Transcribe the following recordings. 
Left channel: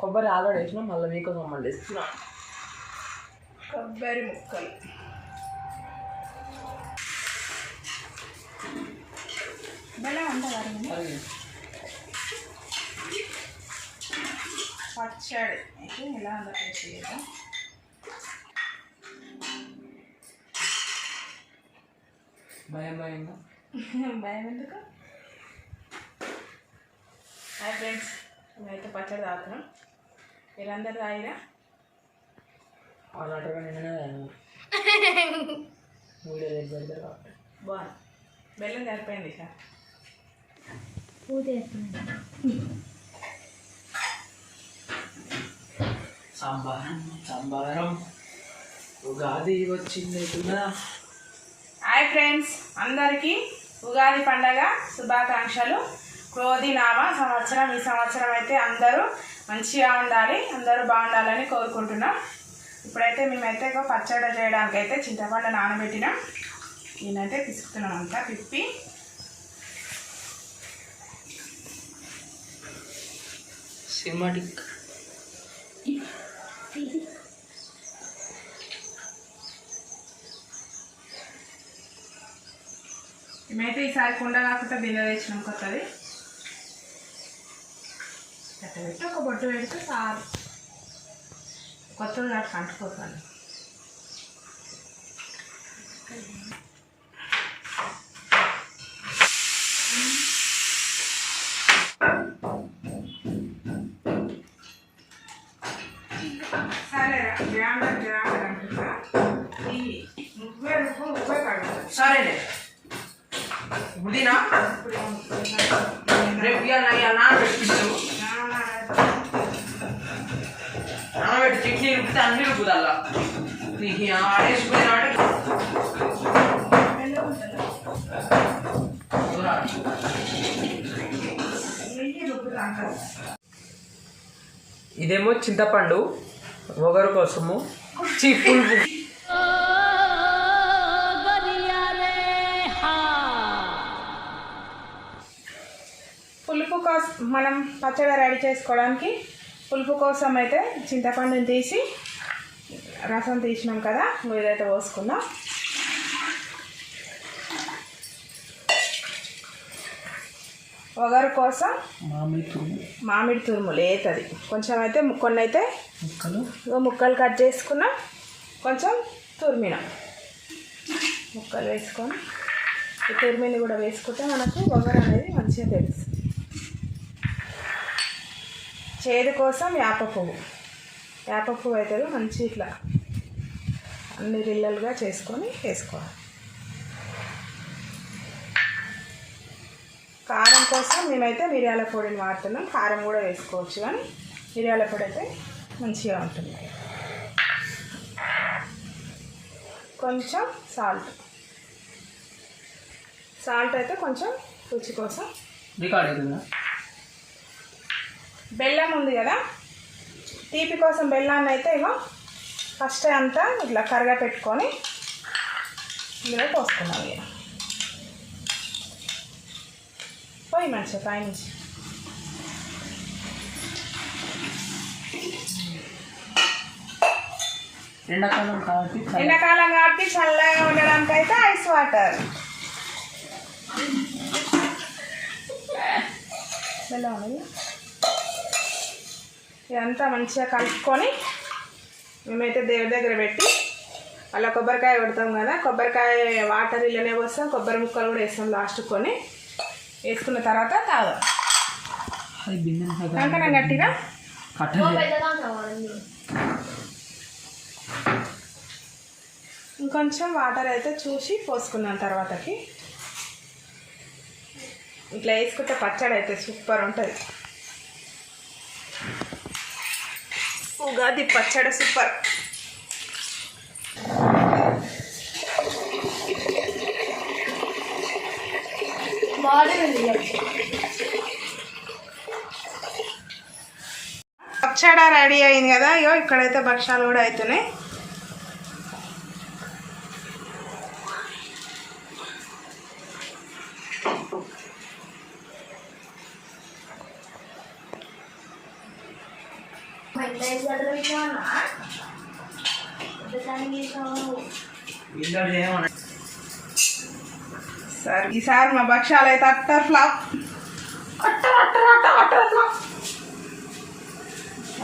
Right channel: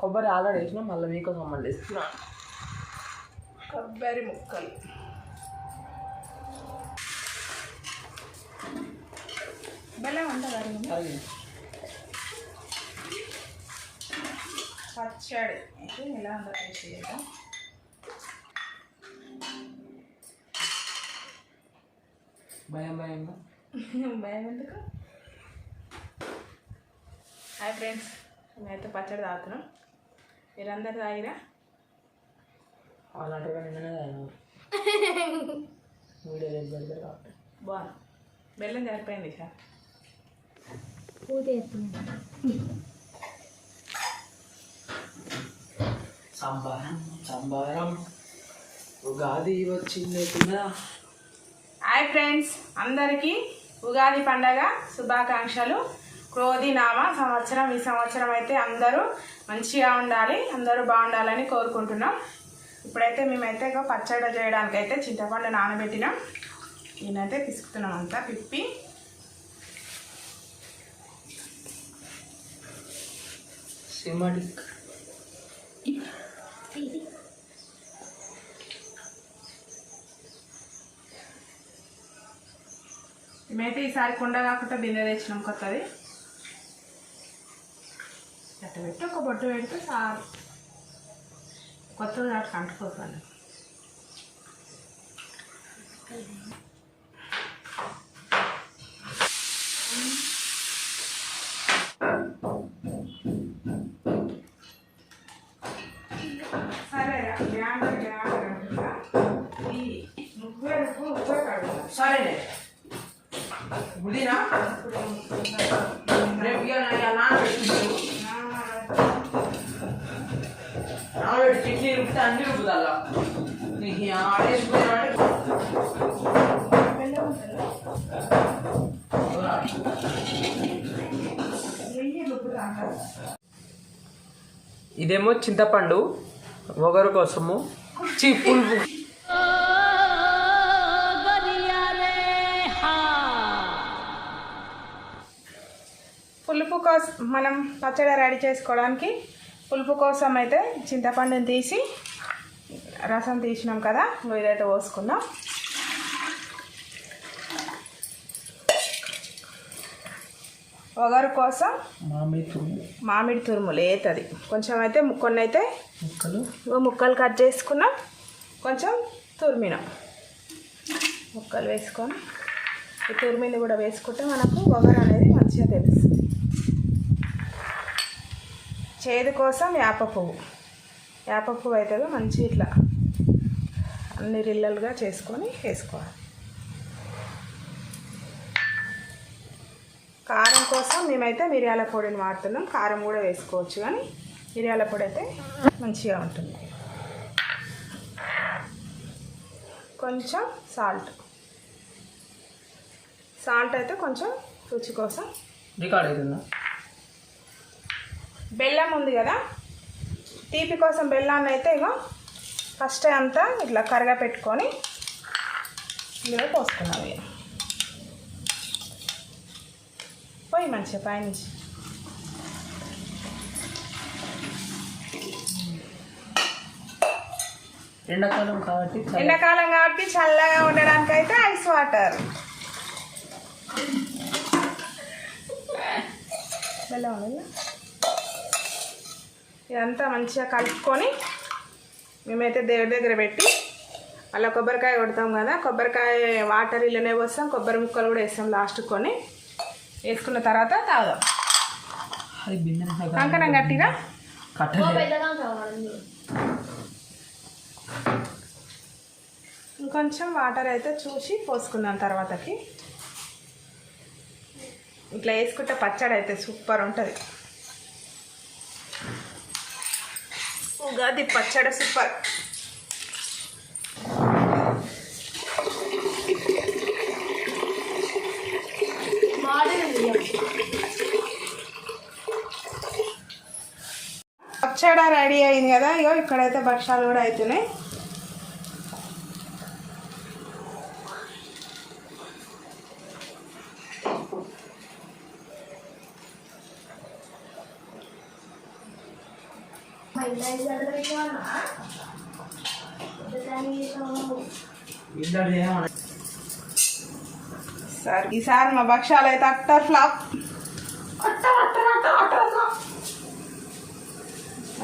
కొబ్బరి ఆల్రెడీ వేసినా మళ్ళీ మీకోసం మళ్ళీ వేస్తున్నా కొబ్బరి ముక్కలు. బెల్లం ఉంటుంది పచ్చడి అయితే ఎలా ఉందో టేస్ట్ చేద్దాం. భయం భయం ఎందుకు? హాయ్ ఫ్రెండ్స్, మేమైతే పచ్చడి తాగుతున్నాం. మీరందరూ తాగిరా? అలాంటిగా నిన్ననే వీడియో రేపు పెడతారు కాబట్టి బాగుంది. బెల్లం సరిపోయింది సార్. సంబారం ఉగాది వచ్చింది కదా. హాయ్ ఫ్రెండ్స్, అందరికీ ఉగాది పండగ శుభాకాంక్షలు. క్రోధినామ సంవత్సరం. ఈ సంవత్సరం అయితే అందరూ మంచిగా ఉండాలి, అందరూ బాగుండాలని కోరుకుంటున్నాం. ఇప్పుడైతే మేమైతే పచ్చడి చేయడానికి అయితే చింతపండు నానబెట్టినాం. నేనైతే పిసుకుతున్నాం అంతా పిప్పి. సినిమాటిక్ మేమైతే ఈసారి కుండ కాకుండా బిందె తెచ్చినాం కొత్తది. అట్ట పెట్టి ఒక బొట్టు పెడితే చాలు. కొత్తది నాకు అంటుకోతాను. సరేరా, గ్రైండర్ అంటున్నా. ఈ ఉప్పే కడుగుతా. సరేలే పుదీనా రేపు నానబెట్టిస్తాము. నానబెట్టి చట్నీ రుబ్బితే అన్ని రుబ్బుదల్లా నీకు ఆడేసుకునే ఇదేమో చింతపండు ఒగరు కోసము పులుపు. పులుపు కోసం మనం పచ్చడి రెడీ చేసుకోవడానికి పులుపు కోసం అయితే చింతపండుని తీసి రసం తీసినాం కదా, ఇదైతే పోసుకుందాం. ఒగరు కోసం మామిడి తురుము లేతది కొంచెం అయితే, కొన్ని అయితే ముక్కలు కట్ చేసుకున్నాం, కొంచెం తురిమినాం. ముక్కలు వేసుకొని ఈ తురిమిని కూడా వేసుకుంటే మనకు ఒగరు అనేది మంచిగా తెలుస్తుంది. చేదు కోసం వేప పువ్వు అయితే మంచి ఇట్లా అన్ని రిల్లలుగా చేసుకొని వేసుకోవాలి. కారం కోసం మేమైతే మిరియాల పొడిని వాడుతున్నాం. కారం కూడా వేసుకోవచ్చు, కానీ మిరియాల పొడి అయితే మంచిగా ఉంటుంది. కొంచెం సాల్ట్ అయితే కొంచెం రుచి కోసం. బెల్లం ఉంది కదా, తీపి కోసం బెల్లాన్ని అయితే ఇగో ఫస్ట్ అంతా ఇట్లా కరగా పెట్టుకొని ఇందులో పోసుకున్నాం. ఇక పోయి మంచిగా పైనుంచి ఎండాకాలం కాబట్టి చల్లగా ఉండడానికి అయితే ఐస్ వాటర్. బెల్లం అనేది ఇదంతా మంచిగా కలుపుకొని మేమైతే దేవుడి దగ్గర పెట్టి అలా కొబ్బరికాయ కొడతాం కదా, కొబ్బరికాయ వాటర్ ఇళ్ళనే పోస్తాం, కొబ్బరి ముక్కలు కూడా వేస్తాం లాస్ట్ కొని. వేసుకున్న తర్వాత తాగాం. కంకణం గట్టిగా ఇంకొంచెం వాటర్ అయితే చూసి పోసుకున్నాం తర్వాతకి. ఇట్లా వేసుకుంటే పచ్చడి అయితే సూపర్ ఉంటుంది. ఉగాది పచ్చడి సూపర్. పచ్చడి రెడీ అయింది కదా. ఇగో ఇక్కడైతే భక్షాలు కూడా అవుతున్నాయి. సరే ఈసారి మా భక్ష్యాలు అయితే అట్టర్ ఫ్లాప్.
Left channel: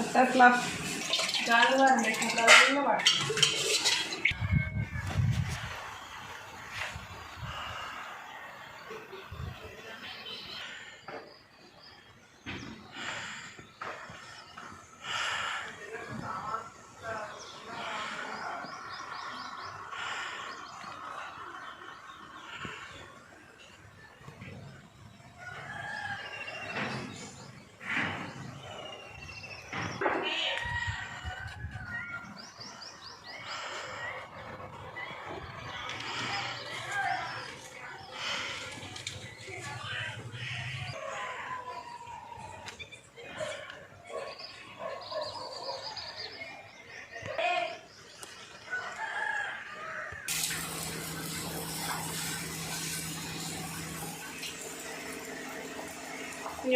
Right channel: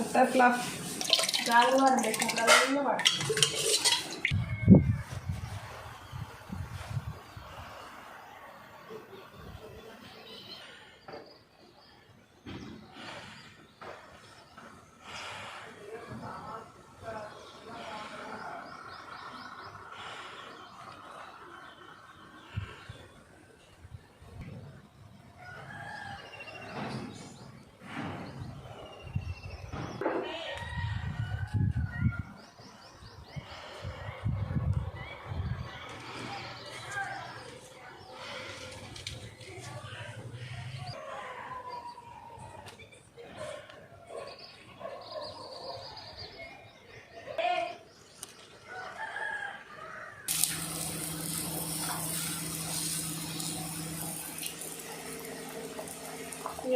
Utter flop.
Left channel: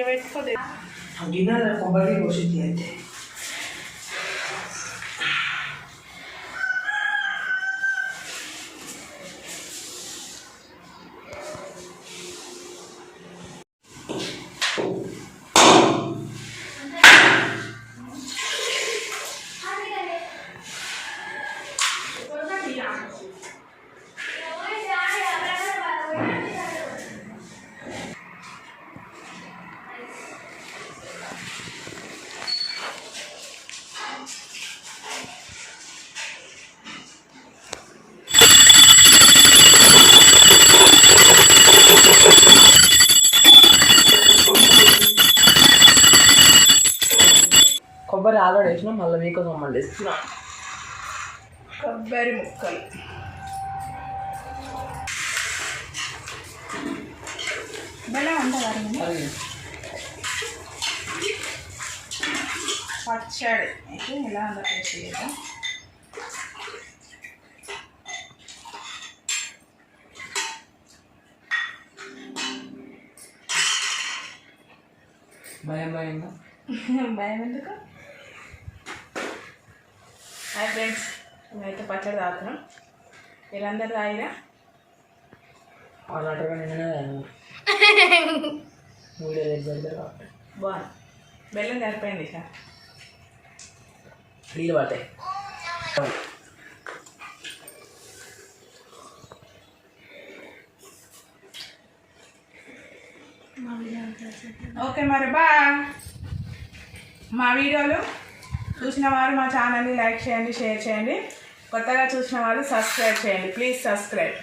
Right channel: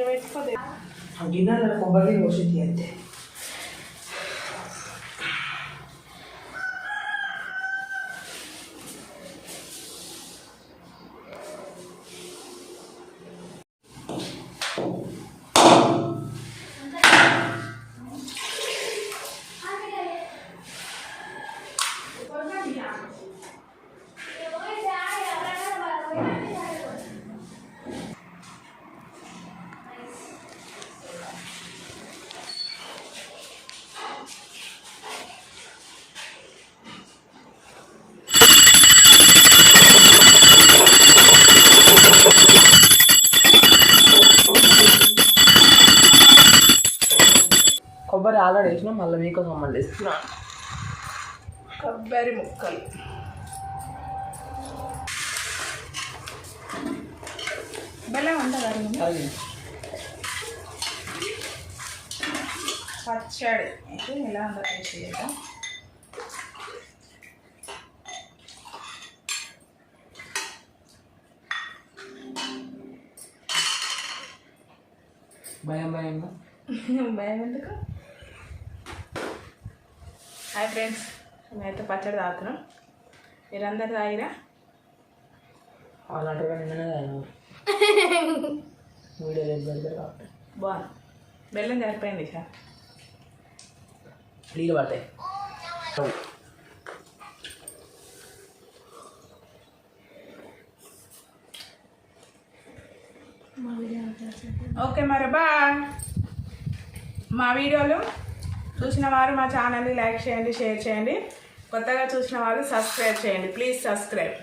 పెట్టుకోదే గిన్నె కొబ్బరి పోసింది అయితే కొబ్బరి ఆల్రెడీ వేసిన మళ్ళీ మీకోసం మళ్ళీ ఇస్తున్నా. కొబ్బరి ముక్కలు బెల్లం ఉంటుంది. పచ్చడి అయితే ఎలా ఉందో టేస్ట్ చేద్దాం. భయం భయం ఎందుకు? హాయ్ ఫ్రెండ్స్, మేమైతే పచ్చడి తాగుతున్నాం. మీరందరూ తాగిరా? అలాంటివి నిన్ననే వీడియో దగ్గర బాగుంది. బెల్లం సరిపోయింది సార్. నీళ్ళు పడతాయి. ఓకే మరి మా వీడియోలు చూసిన వారు మా ఛానల్ని లైక్ చేయండి, షేర్ చేయండి. కొత్తగా చూసిన వాళ్ళు సబ్స్క్రైబ్ చేయండి. Please subscribe.